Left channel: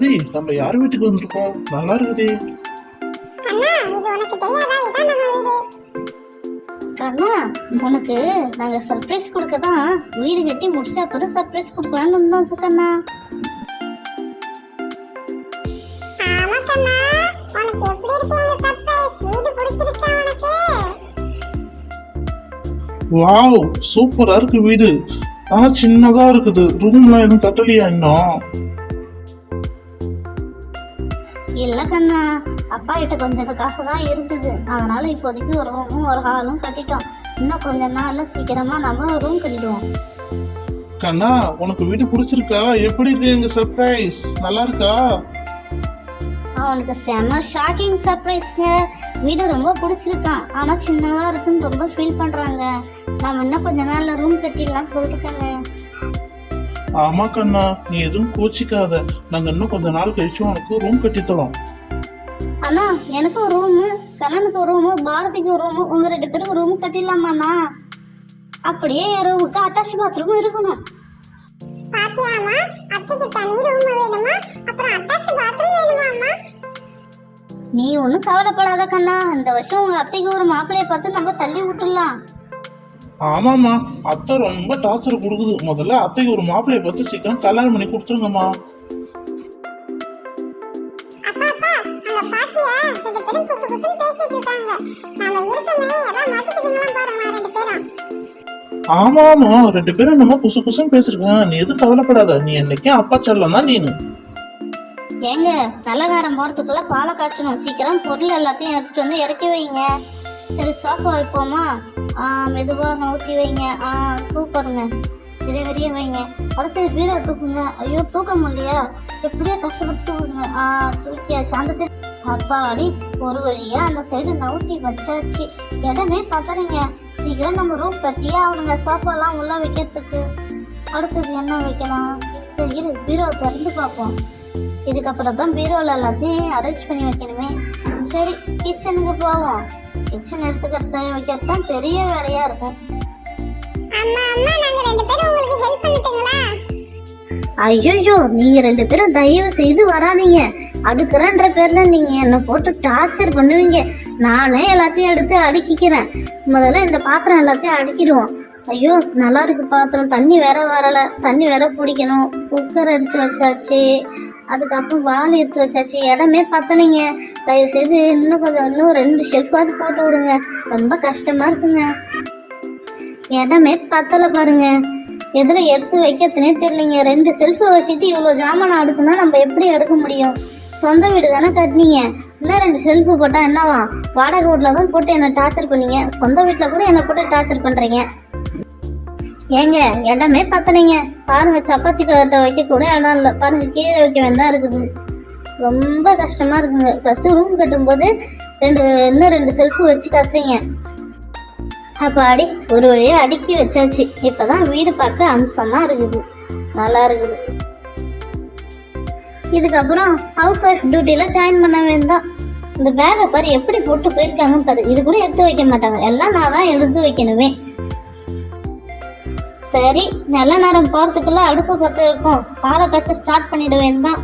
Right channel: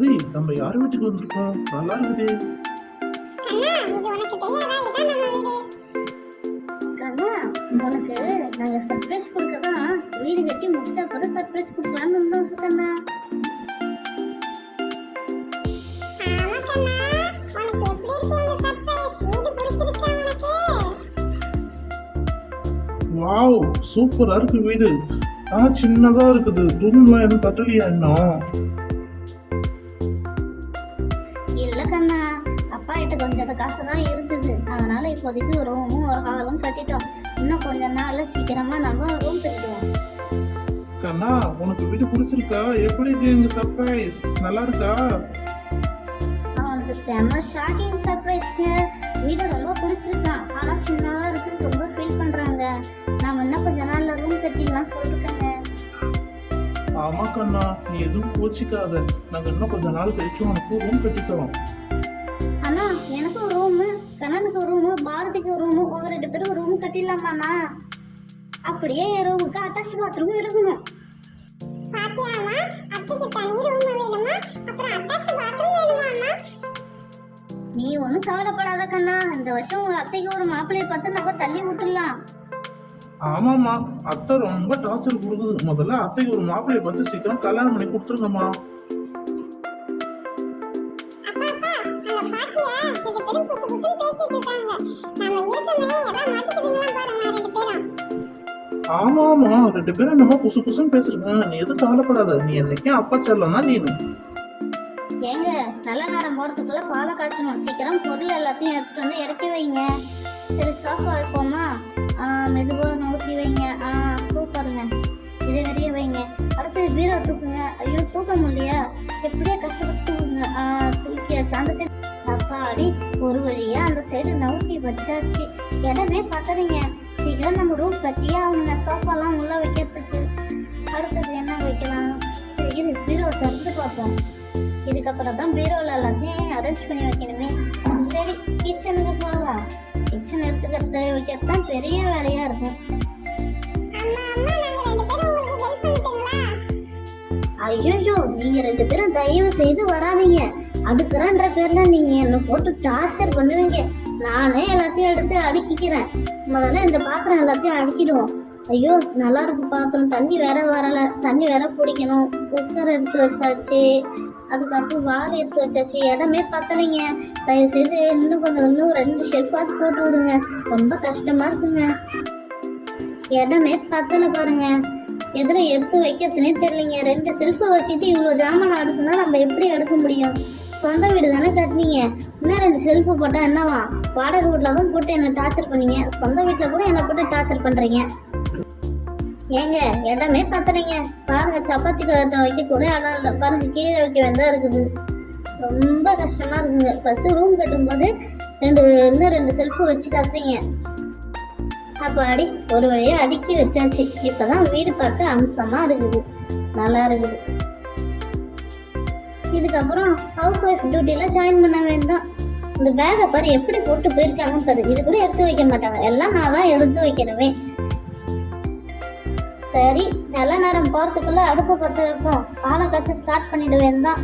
பாரதி நம்ம யார் வீட்டுக்கு வந்திருக்கோம்? நல்லா இருக்குதே கண்ணா உனக்கு நாங்க சர்ப்ரைஸ் கொடுக்க தான் வீடு கட்டி முடிச்சா அப்புறம் சர்ப்ரைஸ் கொடுக்கலாம்னு இருந்தோம் கண்ணா ஆமா கண்ணா உனக்கு எப்படி இருக்கு எங்க சர்ப்ரைஸ் வீடு பிடிச்சிருக்கா உனக்கு? வாவ் சூப்பரா இருக்கு வீடு. ஆனா சின்னதா இருக்குது. ரூம்லாம் எதுவும் கட்டலையா இன்னும்? கொஞ்சம் காசு தான் இருக்குது அதனால இப்போதைக்கு ஒரு ரூமும் ஒரு ஹாலும் கட்டிட்டோம். இன்னும் கொஞ்ச நாள்ல சீக்கிரமா நம்ம ரூம் கட்டிடுவோம். கண்ணா உனக்கு வீடு பிடிச்சிருக்கா? எப்படி இருக்கு எங்க சர்ப்ரைஸ் நல்லா இருக்கா? அவனுக்கு செம ஷாக்கிங் சர்ப்ரைஸ்ங்க வீடு ரொம்ப பிடிச்சிருக்கான். ஆனா சின்னதா இருக்குன்னு ரொம்ப ஃபீல் பண்றாங்க. நாம இன்னும் கொஞ்ச நாள்ல ரூம் கட்டிடலாம்னு சொல்லிருக்காங்க. ஆமா கண்ணா நீ எதுவும் கோச்சிக்காத. நாங்க இன்னும் கொஞ்ச நாள் கழிச்சு உனக்கு ரூம் கட்டித்தரோம். எனக்கு ஒரு ரூமு கண்ணனுக்கு ஒரு ரூமு பாரதிக்கு ஒரு ரூமு உங்க ரெண்டு பேரும் ரூம் கட்டிடலாமாண்ணா? அப்படியே என் ரூமுக்கு அட்டாச் பாத்ரூமும் இருக்கணும். பாத்தியாமா அத்தைக்கு தனி ரூம் வேணுமா? அப்புறம் அட்டாச் பாத்ரூம் வேணுமா அம்மா நீ ஒன்றும் கவலைப்படாத கண்ணா. இந்த வருஷம் உங்க அத்தைக்கு ஒரு மாப்பிள்ளைய பார்த்து நம்ம தள்ளி விட்டுடலாம். ஆமாம்மா. அத்தை ரொம்ப டார்ச்சர் கொடுக்குது. முதல்ல அத்தைக்கு ஒரு மாப்பிள்ளைய பார்த்து சீக்கிரம் கல்யாணம் பண்ணி கொடுத்துருங்கம்மா. ஆமா ஆமா ரெண்டு பேரும் நம்ம புசு புசுன்னு பேசிருக்கேன் நீ எதுவும் கவலைப்படாத. நீ என்னைக்கே அப்பா செல்லம் தான் நீனு. ஏங்க நல்ல நேரம் போறதுக்குள்ள பாலை காய்ச்சணும். சீக்கிரம் பொருள் எல்லாத்தையும் எடுத்துட்டு வந்து இறக்கி வைங்க. சரி சோஃபா வைப்போமா ஆ, மெதுவா நவுத்தி வைங்க. ஆ சூப்பருங்க. இதே வெளியே வைங்க. அடுத்தது பீரோ தூக்குங்க. ஐயோ தூக்க முடியலையா எப்படியோ கஷ்டப்பட்டு தூக்குங்க ஆ தூக்கியாச்சு. அந்த சரி அப்பாடி ஒரு வழியா அந்த சைடு நவுத்தி வச்சாச்சு. இடமே பத்தலைங்க. சீக்கிரம் நம்ம ரூம் கட்டியே அவனுங்க சோஃபாலாம் உள்ள வைக்கிறதுக்கு. அடுத்தது என்ன வைக்கலாம்? சரி பீரோ திறந்து பார்ப்போம். இதுக்கப்புறம் தான் பீரோவில் எல்லாத்தையும் அரேஞ்ச் பண்ணி வைக்கணுமே. சரி கிச்சனுக்கு போவோம் கிச்சன் எடுத்துக்கிறது வைக்கிறது தான் பெரிய வேலையா இருக்கும். ஐயோ நீங்க ரெண்டு பேரும் தயவு செய்து வராதீங்க. அடுக்கிறேன்ற பேர்ல நீங்க என்னை போட்டு டார்ச்சர் பண்ணுவீங்க. நானே எல்லாத்தையும் எடுத்து அடுக்கிக்கிறேன். முதல்ல இந்த பாத்திரம் எல்லாத்தையும் அடுக்கிடுவோம். ஐயோ நல்லா இருக்கு பாத்திரம். தண்ணி வேற வரல. தண்ணி வேற பிடிக்கணும். குக்கர் எடுத்து வச்சாச்சு. அதுக்கப்புறம் வால் எடுத்து வச்சாச்சு. இடமே பத்தலைங்க. தயவு செய்து இன்னும் கொஞ்சம் இன்னும் ரெண்டு ஷெல்ஃபாவது போட்டு விடுங்க. ரொம்ப கஷ்டமா இருக்குங்க. இடமே பத்தலை பாருங்க. எதில் எடுத்து வைக்கிறதுனே தெரியலைங்க. ரெண்டு செல்ஃபை வச்சுட்டு இவ்வளோ ஜாமான் அடுக்குன்னா நம்ம எப்படி எடுக்க முடியும்? சொந்த வீடு தானே கட்டினீங்க? இன்னும் ரெண்டு செல்ஃபு போட்டால் என்னவா? வாடகை வீட்டில் தான் போட்டு என்னை டார்ச்சர் பண்ணீங்க. சொந்த வீட்டில் கூட என்னை போட்டு டார்ச்சர் பண்ணுறீங்க ஏங்க இடமே பத்தலைங்க. பாருங்க சப்பாத்தி கட்டை வைக்க கூட இடம் இல்லை. பாருங்க கீழே வைக்க வேண்டாம் இருக்குது. ரொம்ப கஷ்டமாக இருக்குங்க. ஃபஸ்ட்டு ரூம் கட்டும்போது ரெண்டு இன்னும் ரெண்டு செல்ஃபு வச்சு கட்டுறீங்க. அப்பாடி ஒரு வழியாக அடுக்கி வச்சாச்சு. இப்பதான் வீடு பார்க்க அம்சமாக இருக்குது. நல்லா இருக்குது. இதுக்கப்புறம் ஹவுஸ் ஒய்ஃப் டியூட்டியில் ஜாயின் பண்ண வேண்டாம். இந்த பேகை பாரு எப்படி போட்டு போயிருக்காங்க பாரு. இது கூட எடுத்து வைக்க மாட்டாங்க. எல்லாம் நான் தான் எடுத்து வைக்கணுமே. சரி நல்ல நேரம் போகிறதுக்குள்ள அடுப்பு பற்ற வைப்போம். பாலை காய்ச்ச ஸ்டார்ட் பண்ணிட வேண்டாம்.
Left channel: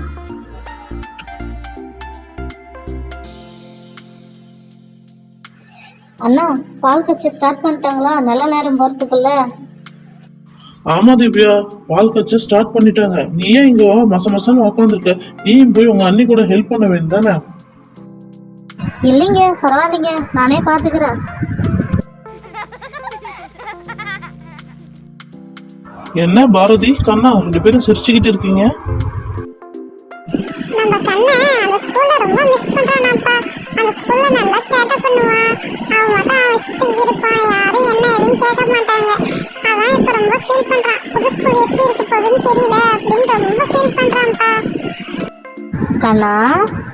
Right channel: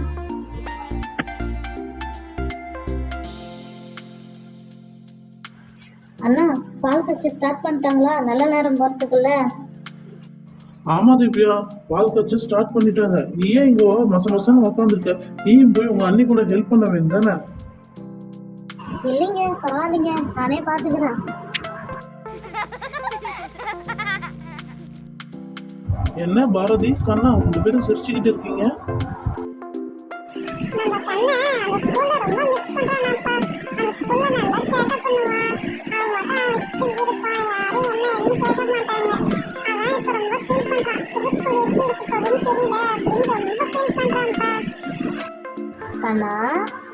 அண்ணா பால் காய்ச்ச ஸ்டார்ட் பண்ணிட்டாங்களா? நல்ல நேரம் போகிறதுக்குள்ள ஆமா திவ்யா பால் கட்சி ஸ்டார்ட் பண்ணிட்டாங்க. நீ ஏன் இங்க மச மசன்னு உட்காந்துருக்க நீயும் போய் உங்க அண்ணி கூட ஹெல்ப் பண்ண வேண்டியதானே இல்லைங்க பரவாயில்லைங்க. நானே பாத்துக்கிறேன். என்ன பாரதி கண்ணா ரெண்டு பேரும் சிரிச்சுக்கிட்டு இருக்கீங்க? நம்ம கண்ணை அந்த ஸ்கூல்ல ரொம்ப மிஸ் பண்றானாப்பா. அந்த ஸ்கூல்ல நல்லா சேட்டை பண்ணுவான் அவன் மட்டும் அவன் இஷ்டத்துக்கு இருப்பான். யாரும் என்ன எதுவும் கேட்க மாட்டாங்க. கண்ணா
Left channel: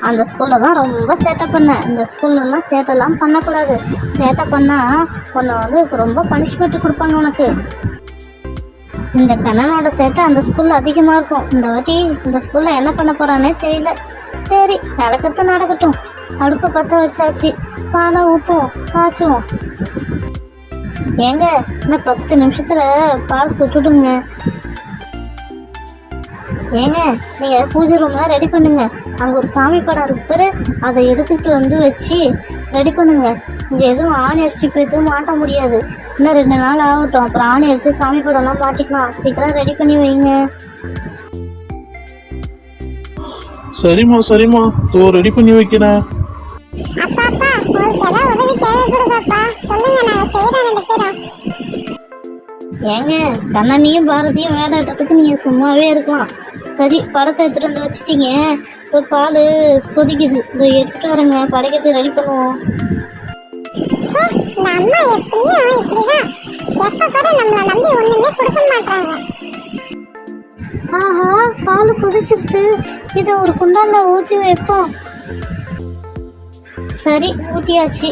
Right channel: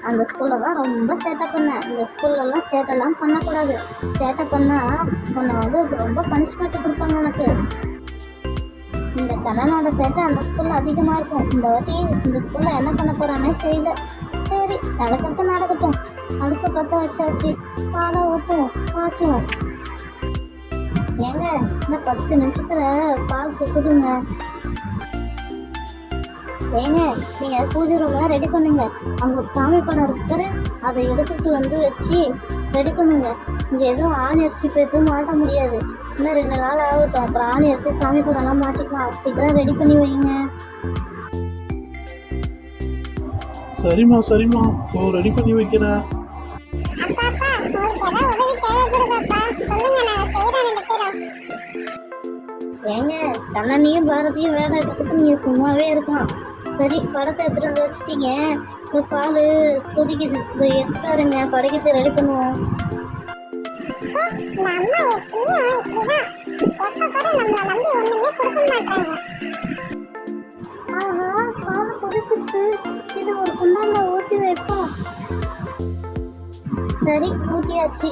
அந்த ஸ்கூலில் தான் ரொம்ப சேட்டை பண்ணேன். இந்த ஸ்கூல்லலாம் சேட்டைலாம் பண்ணக்கூடாது. சேட்டை பண்ணால் உன்னை வந்து ரொம்ப பனிஷ்மெண்ட் கொடுப்பாங்க உனக்கு. இந்த கண்ணனோட சேட்டை அந்த ஸ்கூலில் அதிகமாக இருக்கும். இந்த வாட்டி இந்த ஸ்கூலில் என்ன பண்ண போகிறானே தெரியல. சரி நடக்கிறது நடக்கட்டும். அடுப்பு பற்ற வச்சாச்சு. பாலை ஊற்றுவோம் காய்ச்சுவோம். ஏங்க இன்னும் பத்து நிமிஷத்தில் பால் சுட்டுடுங்க. ஏங்க நீங்கள் பூஜை ரூமை ரெடி பண்ணுங்க. அங்கே ஒரு சாமி படம் இருக்கு பாரு. அதை எடுத்துக்கிட்டு வந்து வச்சு ரெடி பண்ணுங்க. இங்கே எதுவும் ஆணி அடிச்சு இப்போ எதுவும் மாட்ட முடியாது. இன்னும் ரெண்டு நாள் ஆகட்டும். அப்புறம் ஆணி அடிச்சு சாமி படம்லாம் மாட்டிக்கலாம். சீக்கிரம் ரெடி பண்ணி வைங்க. சரிம்மா சரிம்மா. தோ ரெடி பண்ணி வைக்கிறேன். நாங்க ஏங்க கண்ணனியும் பாரதியும் வேலை விட்டதுக்கு நீங்கள் சும்மாவே இருக்கலாம். சரி படத்தை எடுத்துகிட்டு வந்து வச்சுட்டீங்க. இப்போ பால் கொதிக்குது. இப்போ எடுத்துகிட்டு வரேங்க படைக்கத்தை ரெடி பண்ணுவோம். அம்மா எப்படியும் இப்படிதான். எப்ப பாரு நம்மள நம்பி ஒண்ணுமே கொடுக்க மாட்டாங்க ஆஹா பால் கொதிச்சிருச்சு இதை ஒரு குண்டானில் ஊற்றி வைப்போம். சரி ஊற்றியாச்சு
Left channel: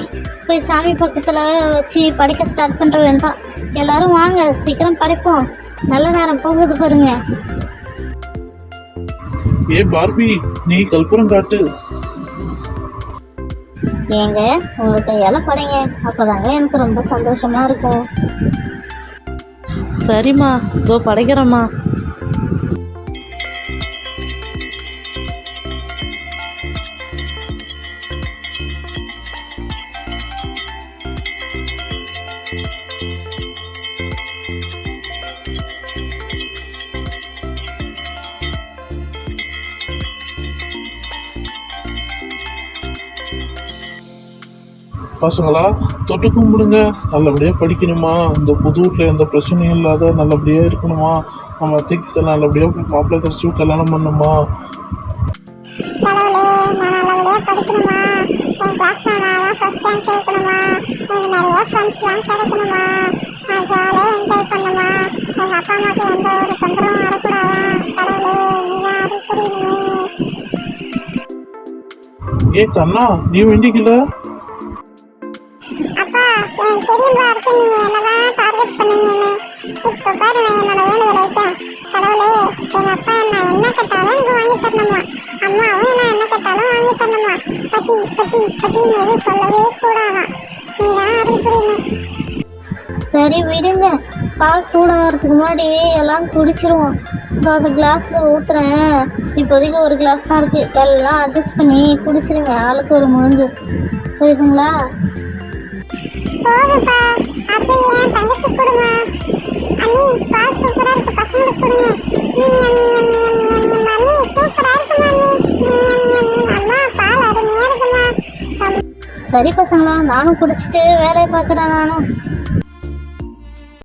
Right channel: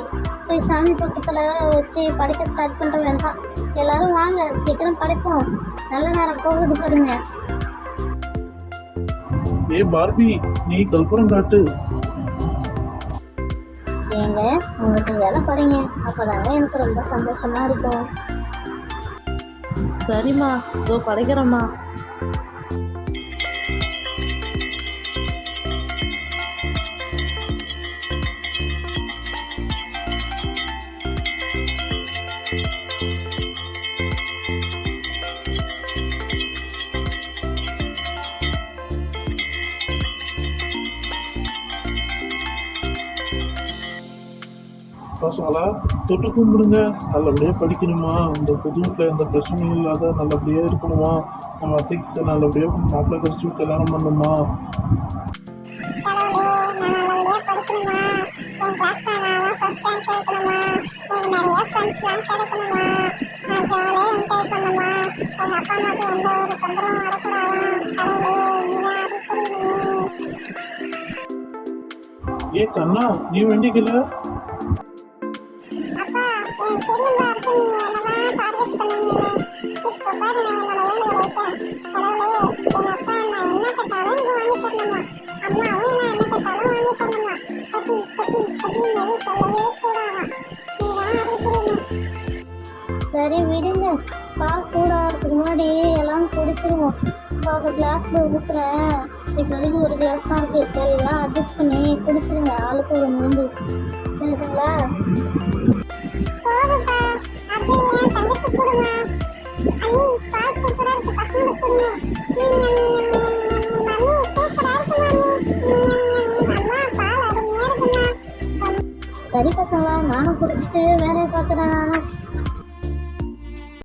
போய் சாமி பக்கத்தில் வச்சு படைக்க ஸ்டார்ட் பண்ணுற வேண்டாம். எல்லாரும் வாங்க சீக்கிரம் படைப்போம். நல்ல நேரம் போகுது பாருங்க. ஏ பார்பி நீ கல்புரம் காட்டு. ஏங்க உங்கள் கையால் படைங்க. அப்போதாங்க எனக்கு ரொம்ப சந்தோஷமாக இருக்கும். சரிம்மா இதோ படைக்கிறேம்மா. பசங்களா தொட்டு கும்பிடுங்க நல்லபடியா படிக்கணுமா? இந்த புது வீட்டில் எந்த பிரச்சனையும் இல்லாத நல்லபடியா இருக்கணுமா? நம்ம அத்தைக்கு நல்லபடியா மாப்பிள்ளை கடிச்சு கல்யாணம் பண்ணுமா? கடவுளே நான் நல்லபடியா படிக்கணுமா? சரி விடுங்க பால் சூடாகிறதுக்கு முன்னாடி எல்லாம் குடிச்சிருவோம் இதோ அந்த கிளாஸில் ஊற்றுறேன் இப்போதைக்கு ஒரு கிளாஸ் தான் இருக்குது எல்லாம் அட்ஜஸ்ட் பண்ணி குடிச்சிருங்க ஆளுக்கு ஒரு முழுங்கு புரியுதுங்களா அது சரி பசங்களா நானும் குடிச்சிட்டு வேலையை பார்க்குறேன் நானும்